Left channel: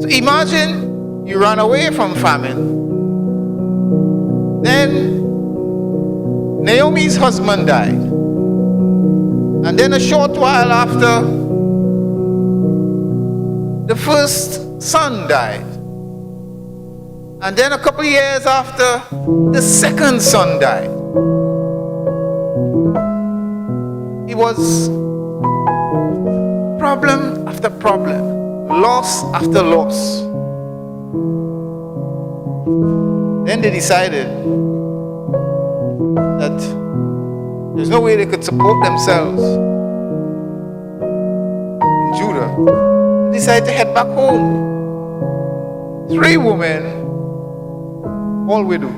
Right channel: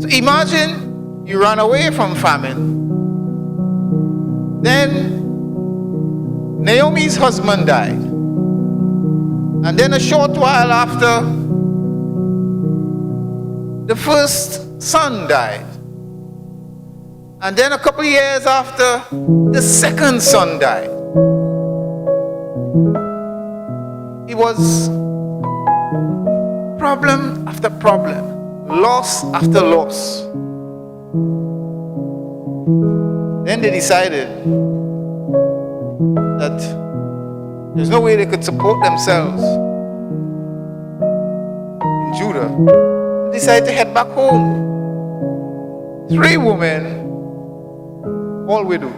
So imagine you run away from famine. Then Naomi's husband died. And then a short while after, the first son died. And then a couple years after, the second son died. It was problem after problem, loss after loss. Then they decided that there's no way they could support themselves in Judah. They decided to head back home. 3 women, all widow.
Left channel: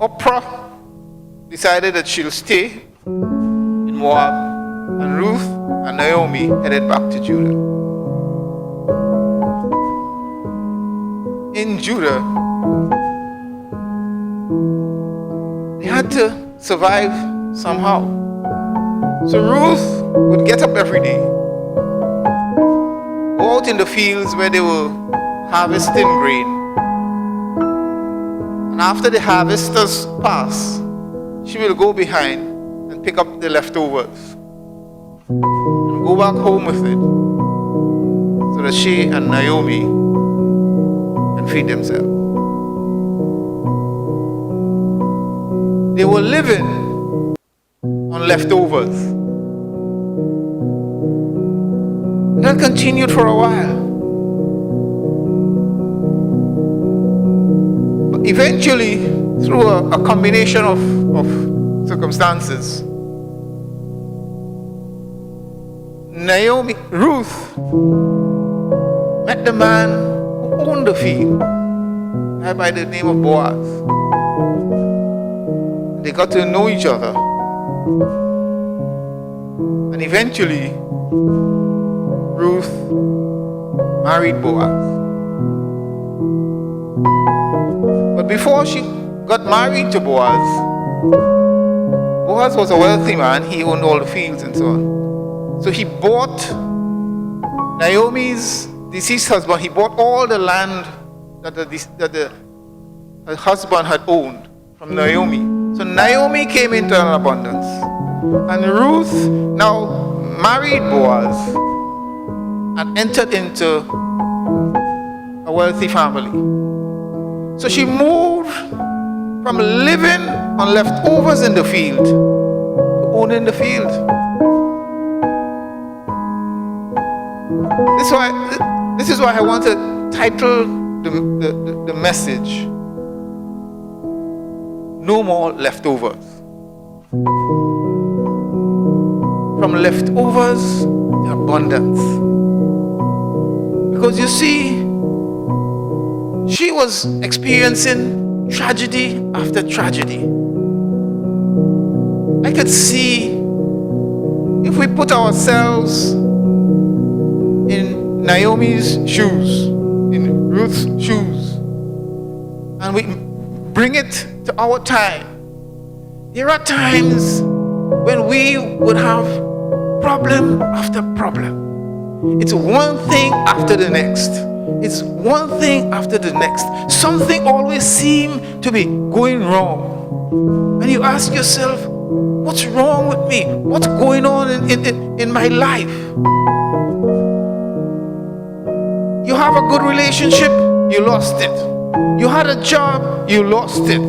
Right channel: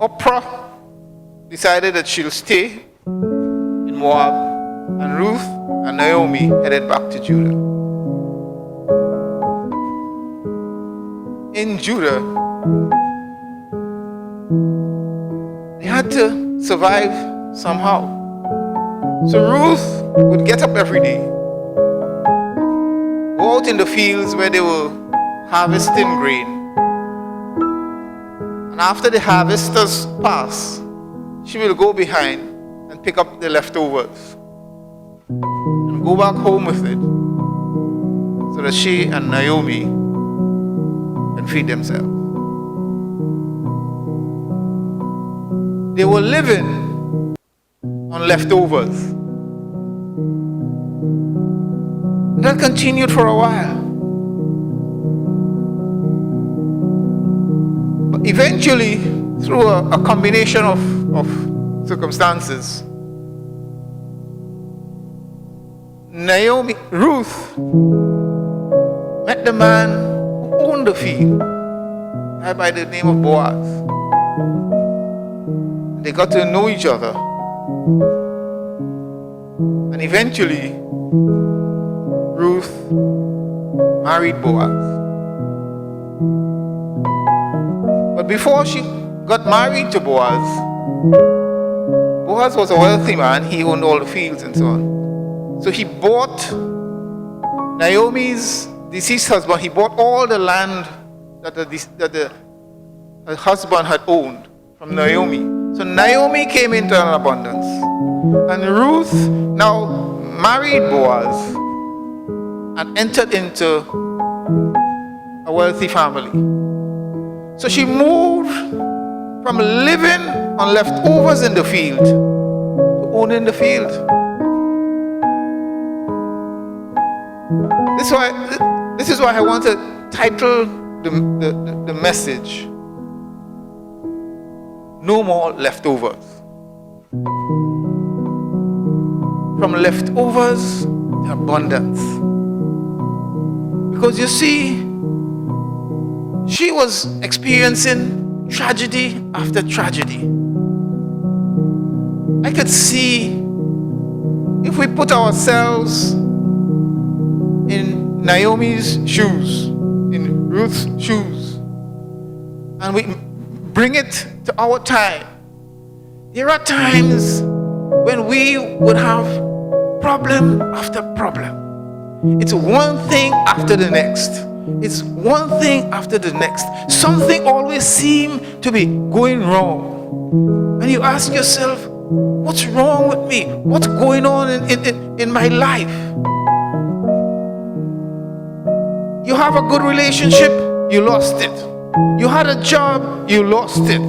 Oprah decided that she'll stay in Moab, and Ruth and Naomi headed back to Judah. In Judah, they had to survive somehow. So Ruth would get up every day, go out in the fields where they were harvesting grain. And after the harvesters pass, she will go behind and pick up the leftovers and go back home with it so that she and Naomi can feed themselves. They were living on leftovers. And that continued for a while. But eventually, through a combination of circumstances, Ruth met the man who owned the field, a guy by the name of Boaz. They got to know each other. And eventually, Ruth married Boaz. But before she got married to Boaz, Boaz was a wealthy man. He owned all the fields and so on. So he bought Naomi's deceased husband. He bought all the land that her husband had owned from Naomi. So Naomi came into an abundance. And Ruth now married Boaz and entered into a wealthy family. So she moved from living on leftovers in the field to owning the field. This is why I want to title the message, No More Leftovers. From leftovers to abundance. Because you see, she was experiencing tragedy after tragedy. I could see, if we put ourselves in Naomi's shoes, in Ruth's shoes, and we bring it to our time, there are times when we would have problem after problem. It's one thing after the next. It's one thing after the next. Something always seems to be going wrong. And you ask yourself, what's wrong with me? What's going on in my life? You have a good relationship, you lost it. You had a job, you lost it.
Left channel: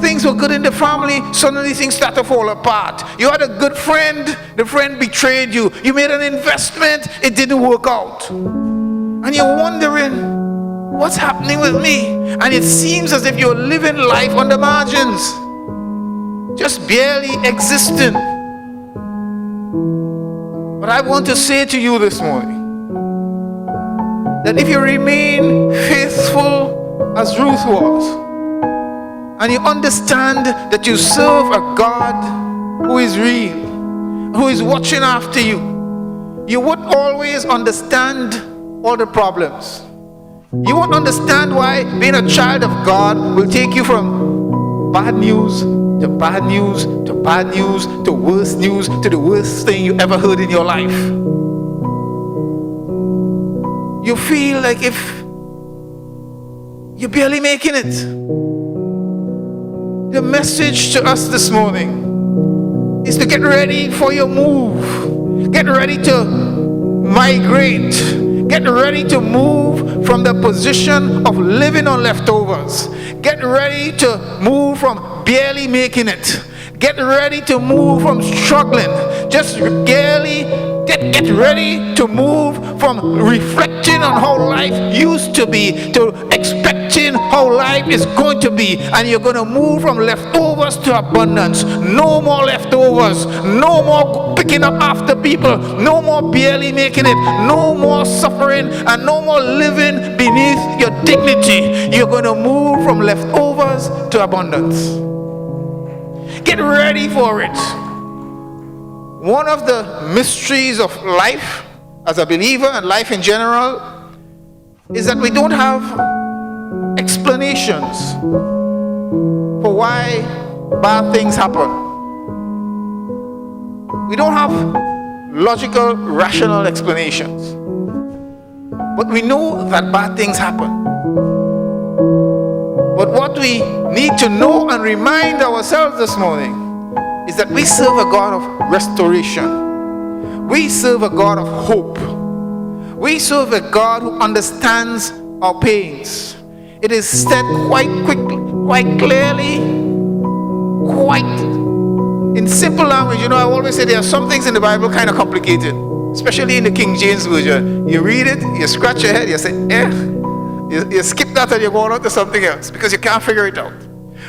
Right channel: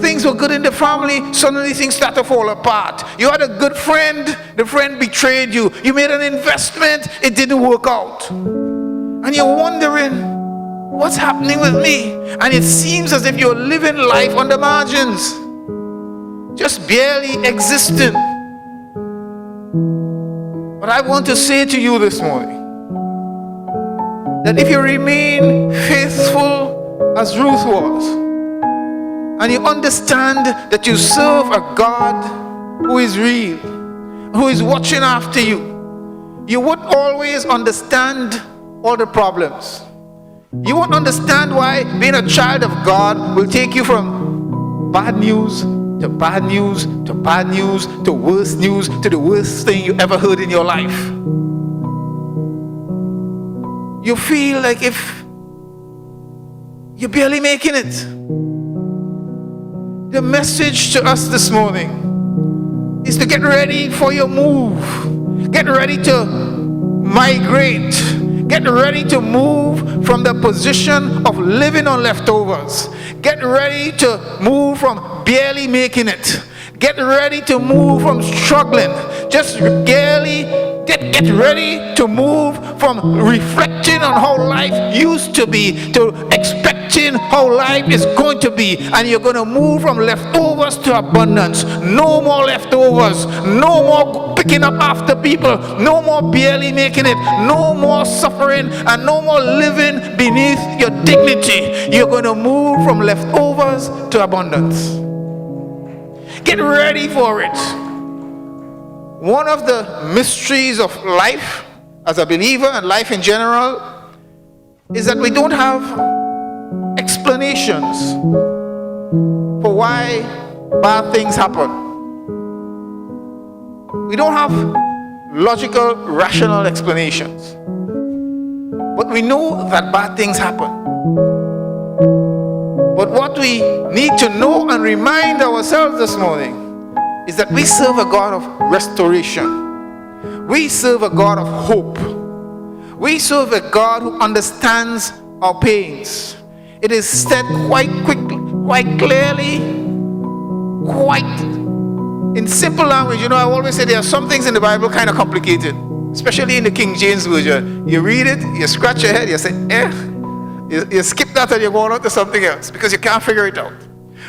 Things were good in the family, suddenly things start to fall apart. You had a good friend, the friend betrayed you. You made an investment, it didn't work out. And you're wondering, what's happening with me? And it seems as if you're living life on the margins, just barely existing. But I want to say to you this morning, that if you remain faithful as Ruth was, and you understand that you serve a God who is real, who is watching after you, you won't always understand all the problems. You won't understand why being a child of God will take you from bad news to bad news, to bad news, to worse news, to the worst thing you ever heard in your life. You feel like if you're barely making it. The message to us this morning is to get ready for your move. Get ready to migrate. Get ready to move from the position of living on leftovers. Get ready to move from barely making it. Get ready to move from struggling. Just barely get ready to move from reflecting on how life used to be to expecting how life is going to be. And you're going to move from leftovers to abundance. No more leftovers. No more picking up after people. No more barely making it. No more suffering and no more living beneath your dignity. You're going to move from leftovers to abundance. Get ready for it. One of the mysteries of life as a believer and life in general is that we don't have explanations for why bad things happen. We don't have logical, rational explanations. But we know that bad things happen. But what we need to know and remind ourselves this morning is that we serve a God of restoration. We serve a God of hope. We serve a God who understands our pains. It is said quite quickly, quite clearly, quite in simple language. You know, I always say there are some things in the Bible kind of complicated, especially in the King James Version. You read it, you scratch your head, you say, you skip that and you go on to something else because you can't figure it out.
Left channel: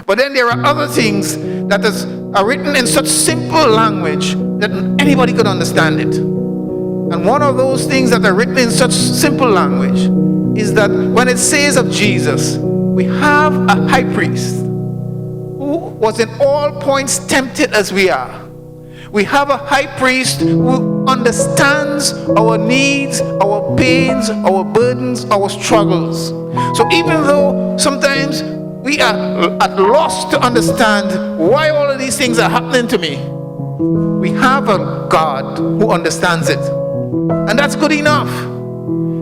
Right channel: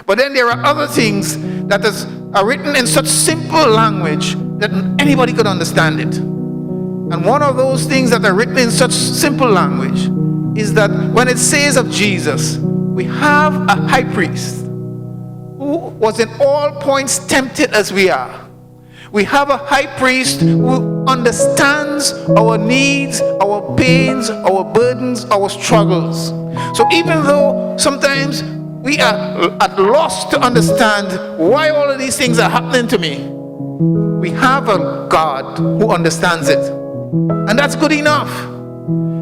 But then there are other things that are written in such simple language that anybody could understand it. And one of those things that are written in such simple language is that when it says of Jesus, we have a high priest who was in all points tempted as we are. We have a high priest who understands our needs, our pains, our burdens, our struggles. So even though sometimes we are at loss to understand why all of these things are happening to me, we have a God who understands it. And that's good enough.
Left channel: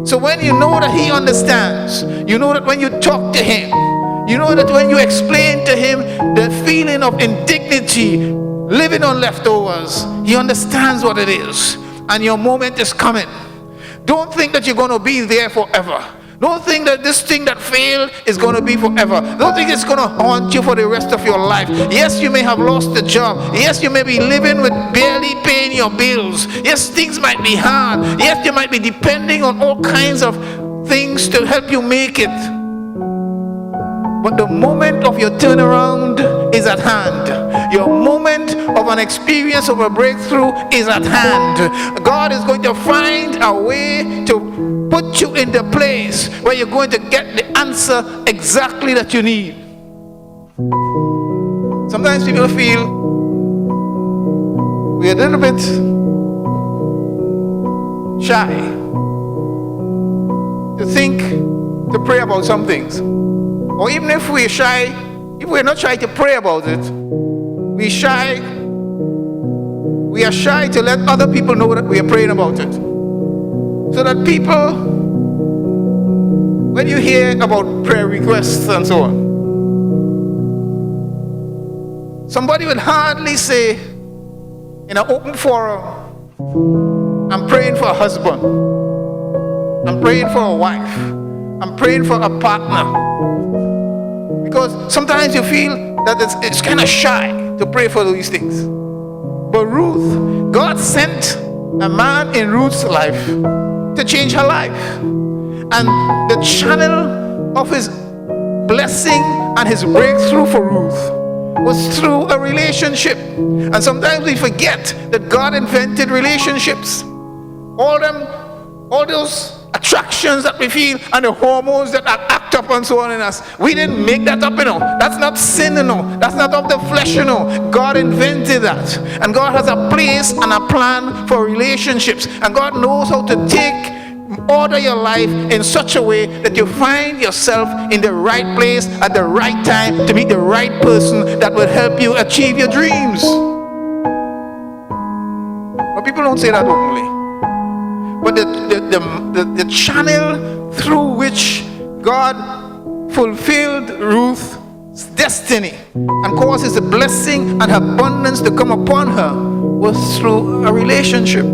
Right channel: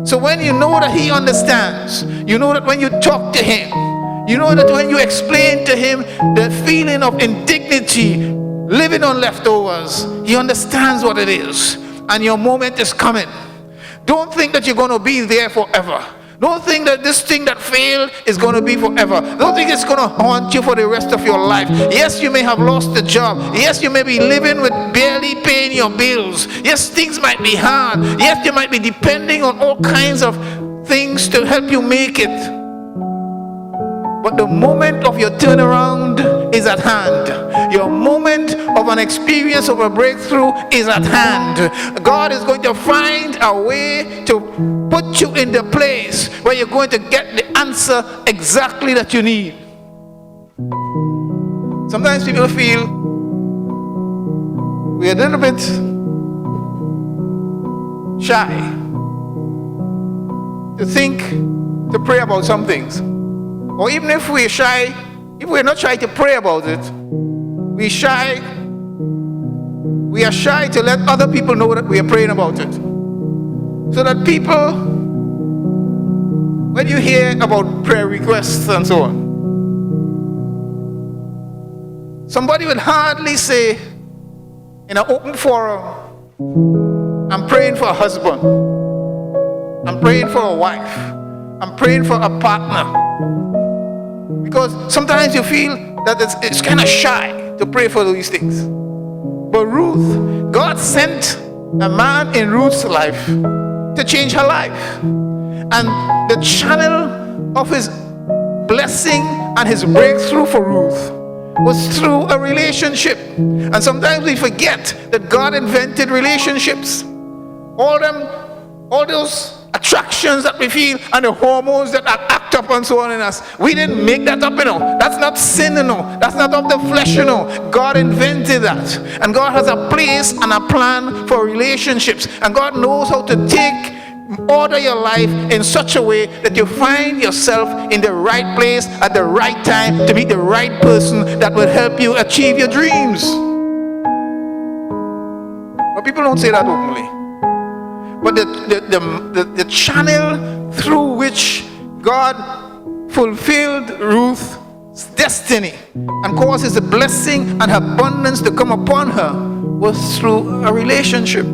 So when you know that He understands, you know that when you talk to Him, you know that when you explain to Him the feeling of indignity, living on leftovers, He understands what it is. And your moment is coming. Don't think that you're going to be there forever. Don't think that this thing that failed is going to be forever. Don't think it's going to haunt you for the rest of your life. Yes, you may have lost a job. Yes, you may be living with barely paying your bills. Yes, things might be hard. Yes, you might be depending on all kinds of things to help you make it. But the moment of your turnaround is at hand. Your moment of an experience of a breakthrough is at hand. God is going to find a way to put you in the place where you're going to get the answer exactly that you need. Sometimes people feel we're a little bit shy to think, to pray about some things. Or even if we're shy, if we're not shy to pray about it, we are shy to let other people know that we are praying about it. So that people, when you hear about prayer requests and so on, somebody would hardly say in an open forum, I'm praying for a husband, I'm praying for a wife, I'm praying for a partner. Because sometimes you feel that it's kind of shy to pray for these things. But Ruth, God sent a man in Ruth's life to change her life. And the channel of His blessing and His breakthrough for Ruth was through a relationship. And sometimes we forget that God invented relationships. All those attractions that we feel and the hormones that act up and so on in us, we didn't make that up, That's not sin, That's not of the flesh, God invented that. And God has a place and a plan for relationships. And God knows how to take order your life in such a way that you find yourself in the right place at the right time to meet the right person that will help you achieve your dreams. But people don't say that openly. But the channel through which God fulfilled Ruth's destiny and caused his blessing and abundance to come upon her was through a relationship.